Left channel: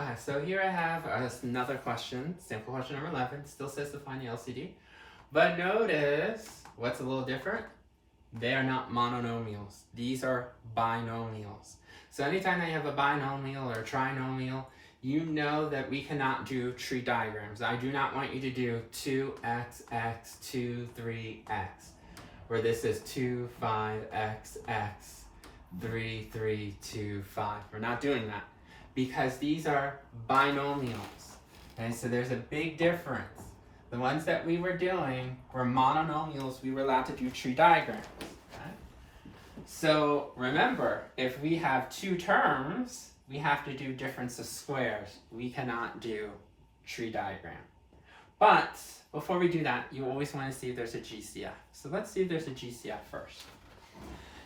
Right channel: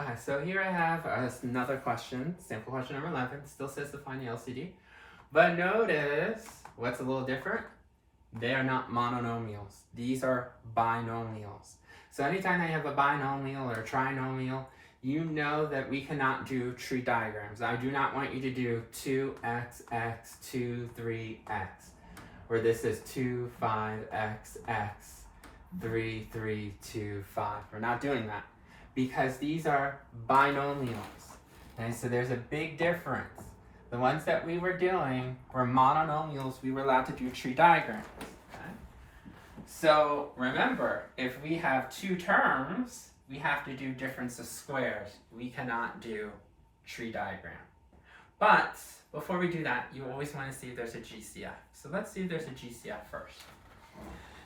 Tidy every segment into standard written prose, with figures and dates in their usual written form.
Okay, so here I have another question, sample question number 11. Still says to find the LCD. But notice what's a little different? They are not monomials. These are binomials. So anytime that you have a binomial or a trinomial, you know that we cannot do tree diagrams. I do not want you to do 2x, x, 2, 3x, where this is 2, 5, x, 3, 3, 2, 5. We're not doing that because these are binomials. Okay, so there's a big difference. The ones that we were doing were monomials. We were allowed to do tree diagrams. Okay? So remember, if we have two terms, we have to do difference of squares. We cannot do tree diagram. But before we do that, you always want to see if there's a GCF. So let's see if there's a GCF first.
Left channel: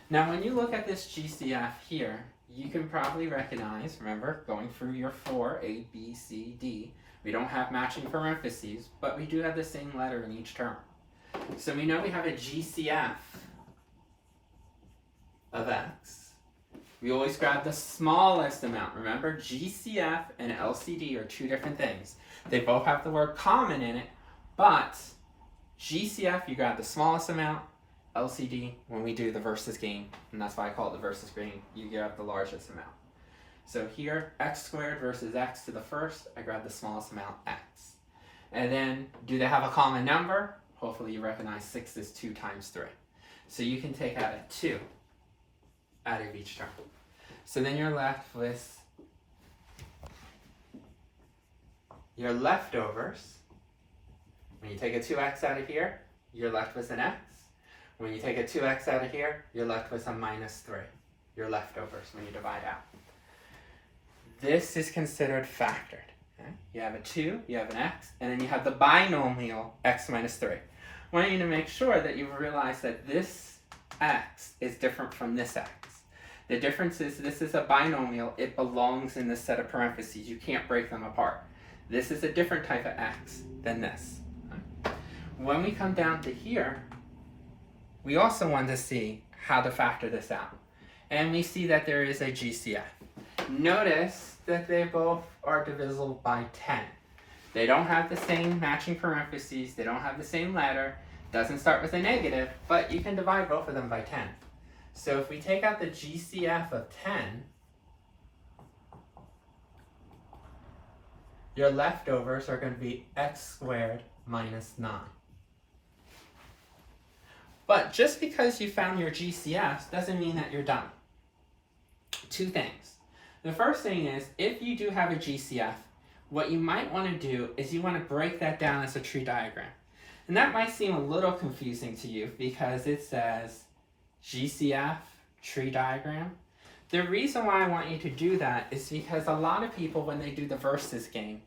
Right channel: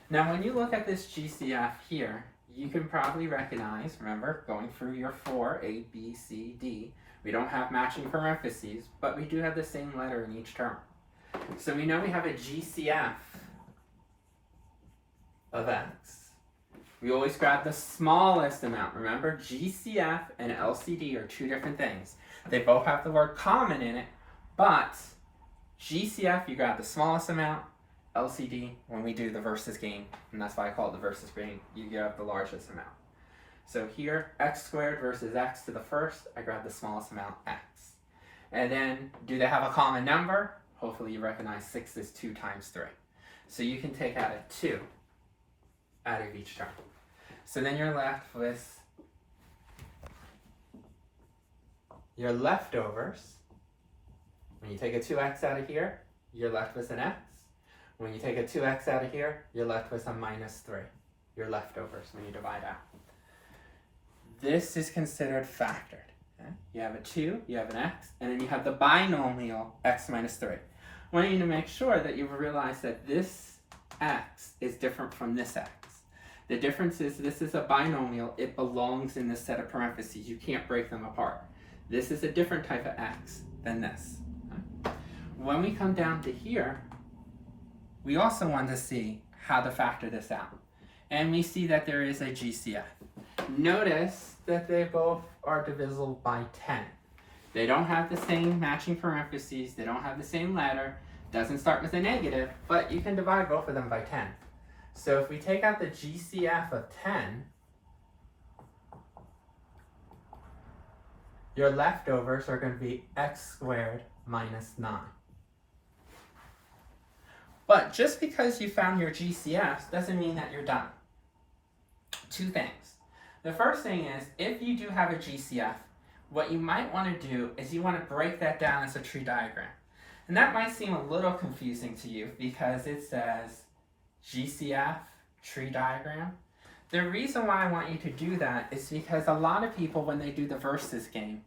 Now when you look at this GCF here, you can probably recognize, remember, going through your 4, A, B, C, D, we don't have matching parentheses, but we do have the same letter in each term. So we know we have a GCF of x. We always grab the smallest amount. Remember, GCF and LCD are two different things. They both have the word common in it, but GCF, you grab the smallest amount. LCD, when we do the versus game, and that's why I call it the versus game, you grab the largest amount. So here, x squared versus x to the first, I grab the smallest amount, x. And then, do they have a common number? Hopefully you recognize 6 is 2 times 3. So you can take out a 2 out of each term. So then you're left with your leftovers. When you take a 2x out of here, you're left with an x. When you take a 2x out of here, you're left with a minus 3. Your leftovers when you divide out. This is considered factored. Okay? You have a 2, you have an x, and then you have the binomial x minus 3. I want you to make sure that you realize that this x is different from this x. The difference is this is a binomial. It belongs in this set of parentheses. You can't break them apart. This is a different type of x than this. Okay? When we come down to here, we also want to see how to factor this out. And we see that there is a GCF. Notice that they both are divisible by 10. They don't have the same matching parentheses. They don't have the same letter. Doesn't start with a negative, but you can divide both of them by 10. So if we take out the GCF of 10, your leftovers are going to be x squared minus 9. But just because you found your GCFs doesn't mean that you're done. Two things. The first thing is, if you do have a GCF, what you might want to do is you want to break that down as a tree diagram. And that might seem a little confusing to you because it says GCF, tree diagram. The reason why I want you to do that is because a lot of people, when they do the versus game,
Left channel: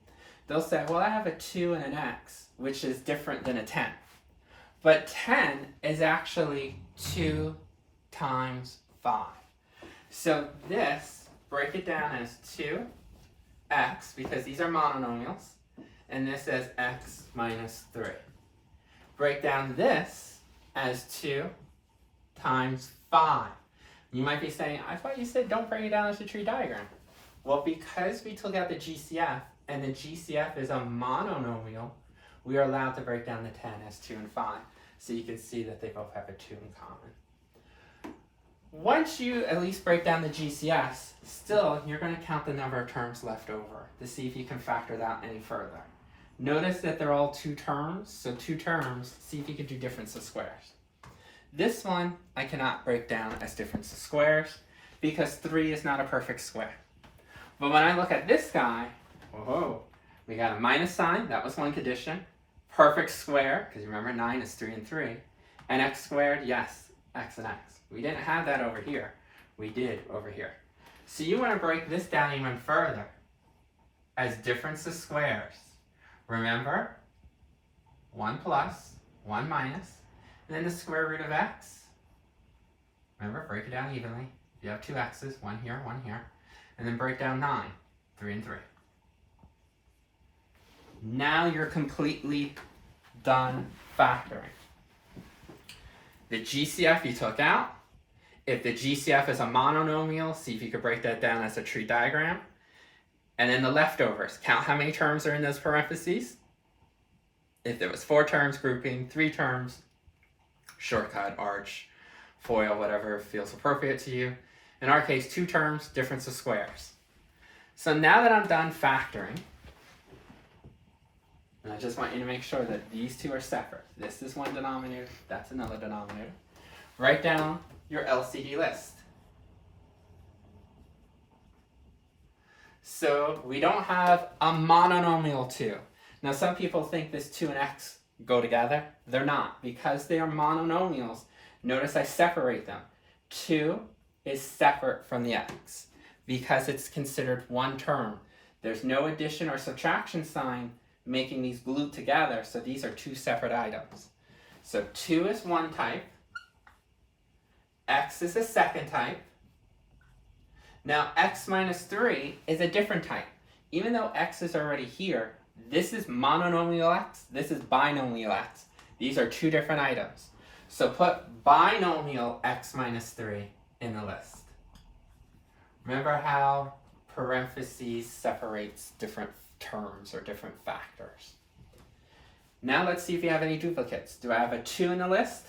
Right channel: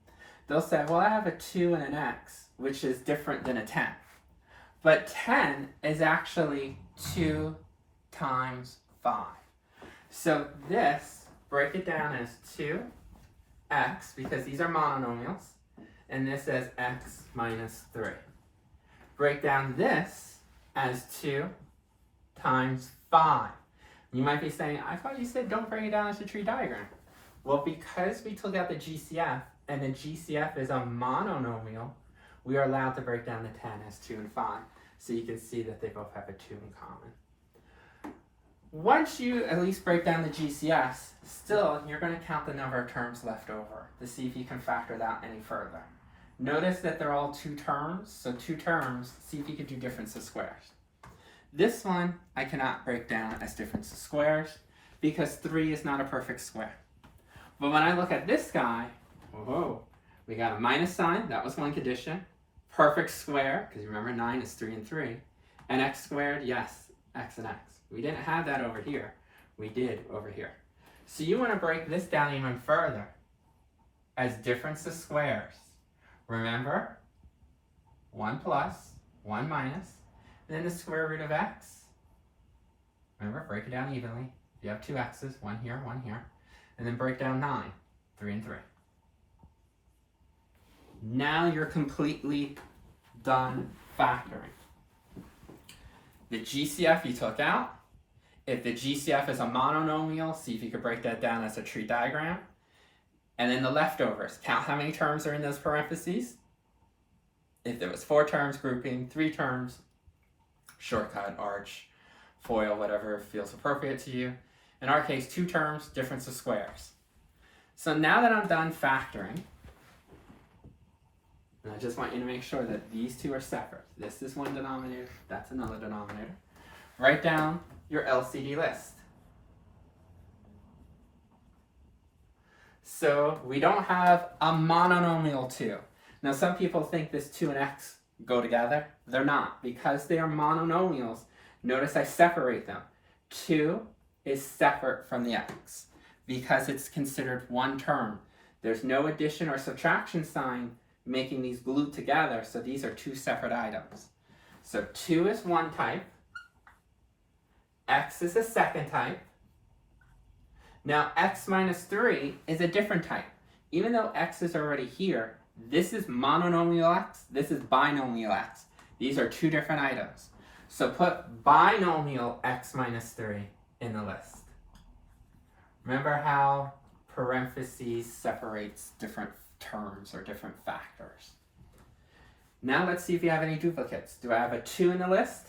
they'll say, well, I have a 2 and an x, which is different than a 10. But 10 is actually 2 times 5. So this, break it down as 2x, because these are monomials, and this as x minus 3. Break down this as 2 times 5. You might be saying, I thought you said don't break it down as a tree diagram. Well, because we took out the GCF, and the GCF is a monomial, we are allowed to break down the 10 as 2 and 5. So you can see that they both have a 2 in common. Once you at least break down the GCFs, still you're going to count the number of terms left over to see if you can factor that any further. Notice that they're all 2 terms, so 2 terms, see if you can do difference of squares. This one I cannot break down as difference of squares because 3 is not a perfect square. But when I look at this guy, whoa, we got a minus sign, that was one condition. Perfect square, because remember 9 is 3 and 3. And x squared, yes, x and x. We didn't have that over here. We did over here. So you want to break this down even further as difference of squares. Remember, 1 plus, 1 minus, and then the square root of x. Remember, break it down evenly. You have 2 x's, 1 here, 1 here. And then break down 9, 3 and 3. Now you're completely done factoring. The GCF you took out. If the GCF is a monomial, see if you could break that down as a tree diagram. And then the leftovers. Count how many terms are in those parentheses. If there was 4 terms, grouping, 3 terms, shortcut, arch, FOIL, whatever feels appropriate to you. In our case, 2 terms, difference of squares. So now that I'm done factoring, and I just want you to make sure that these two are separate. This is one denominator, that's another denominator. Write down your LCD list. So we don't have a monomial 2. Now some people think this 2 and x go together. They're not. Because they are monomials, notice I separate them. 2 is separate from the x because it's considered one term. There's no addition or subtraction sign making these glued together, so these are 2 separate items. So 2 is one type, x is a second type. Now x minus 3 is a different type. Even though x is already here, this is monomial x, this is binomial x. These are 2 different items. So put binomial x minus 3 in the list. Remember how parentheses separates different terms or different factors. Now let's see if you have any duplicates. Do I have a 2 in the list?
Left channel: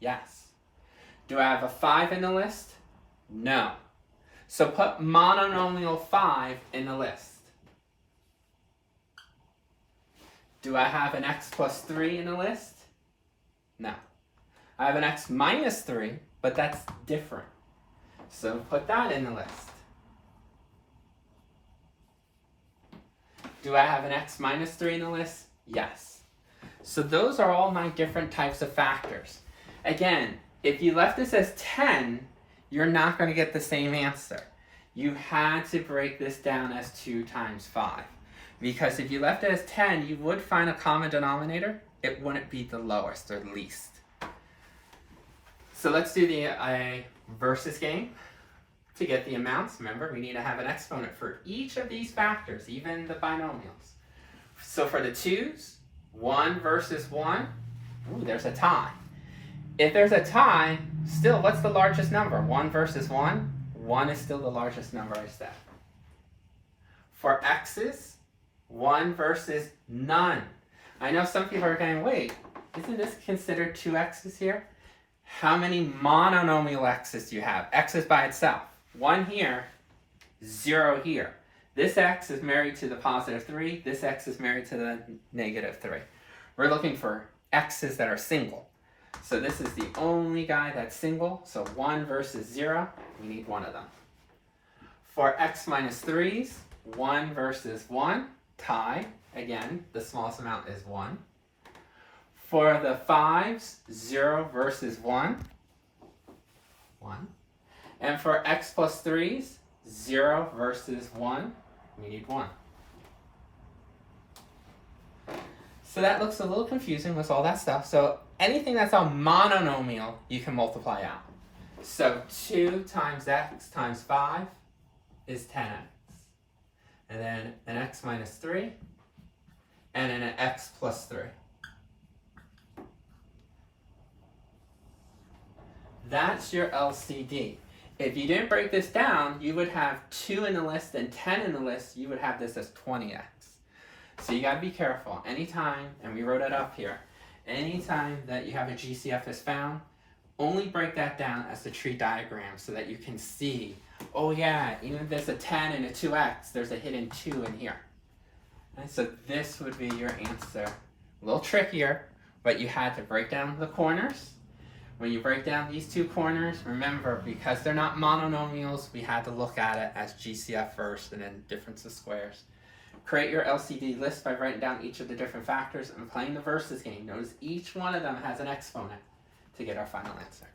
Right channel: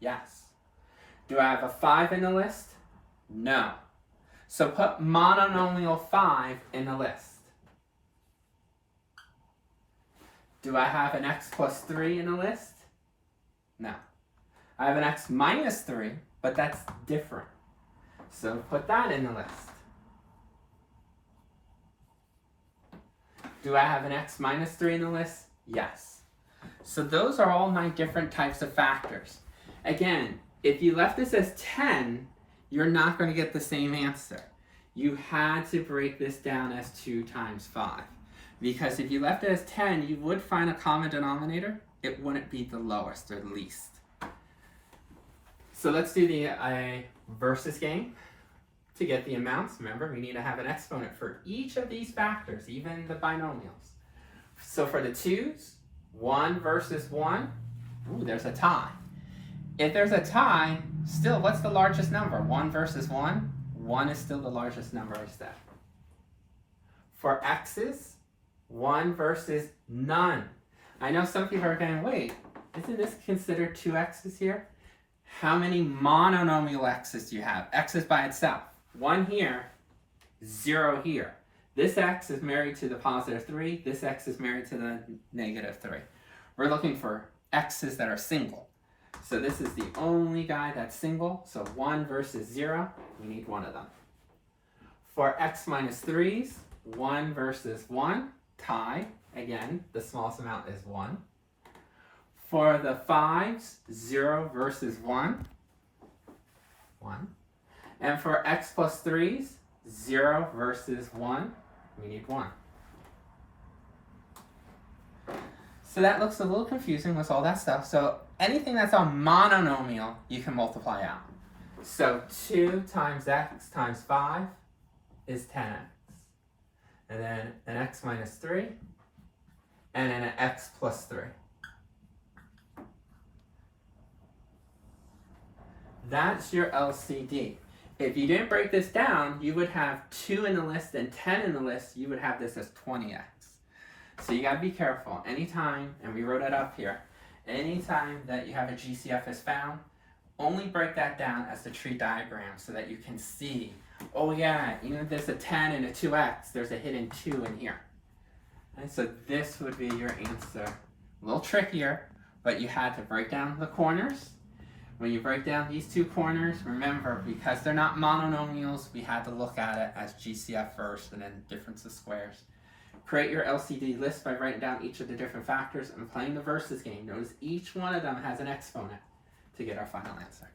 Yes. Do I have a 5 in the list? No. So put monomial 5 in the list. Do I have an x plus 3 in the list? No. I have an x minus 3, but that's different. So put that in the list. Do I have an x minus 3 in the list? Yes. So those are all my different types of factors. Again, if you left this as 10, you're not going to get the same answer. You had to break this down as 2 times 5. Because if you left it as 10, you would find a common denominator. It wouldn't be the lowest or least. So let's do the versus game. To get the amounts, remember, we need to have an exponent for each of these factors, even the binomials. So for the 2's, 1 versus 1, ooh, there's a tie. If there's a tie, still, what's the largest number? 1 versus 1? 1 is still the largest number I said. For x's, 1 versus none. I know some people are going, wait, isn't this considered 2 x's here? How many monomial x's do you have? X is by itself. 1 here, 0 here. This x is married to the positive 3. This x is married to the negative 3. We're looking for x's that are single. So this is the only guy that's single. So 1 versus 0, we need one of them. For x minus 3's, 1 versus 1, tie. Again, the smallest amount is 1. For the 5's, 0 versus 1, 1. And for x plus 3's, 0 versus 1, we need 1. So that looks a little confusing with all that stuff. So anything that's a monomial, you can multiply out. So 2 times x times 5 is 10x. And then an x minus 3, and then an x plus 3. That's your LCD. If you didn't break this down, you would have 2 in the list and 10 in the list. You would have this as 20x. So you got to be careful. Anytime, and we wrote it up here, anytime that you have a GCF is found, only break that down as the tree diagram so that you can see, oh yeah, even if there's a 10 and a 2x, there's a hidden 2 in here. And so this would be your answer. A little trickier, but you had to break down the corners. When you break down these 2 corners, remember, because they're not monomials, we had to look at it as GCF first and then difference of squares. Create your LCD list by writing down each of the different factors and playing the versus game. Notice each one of them has an exponent to get our final answer.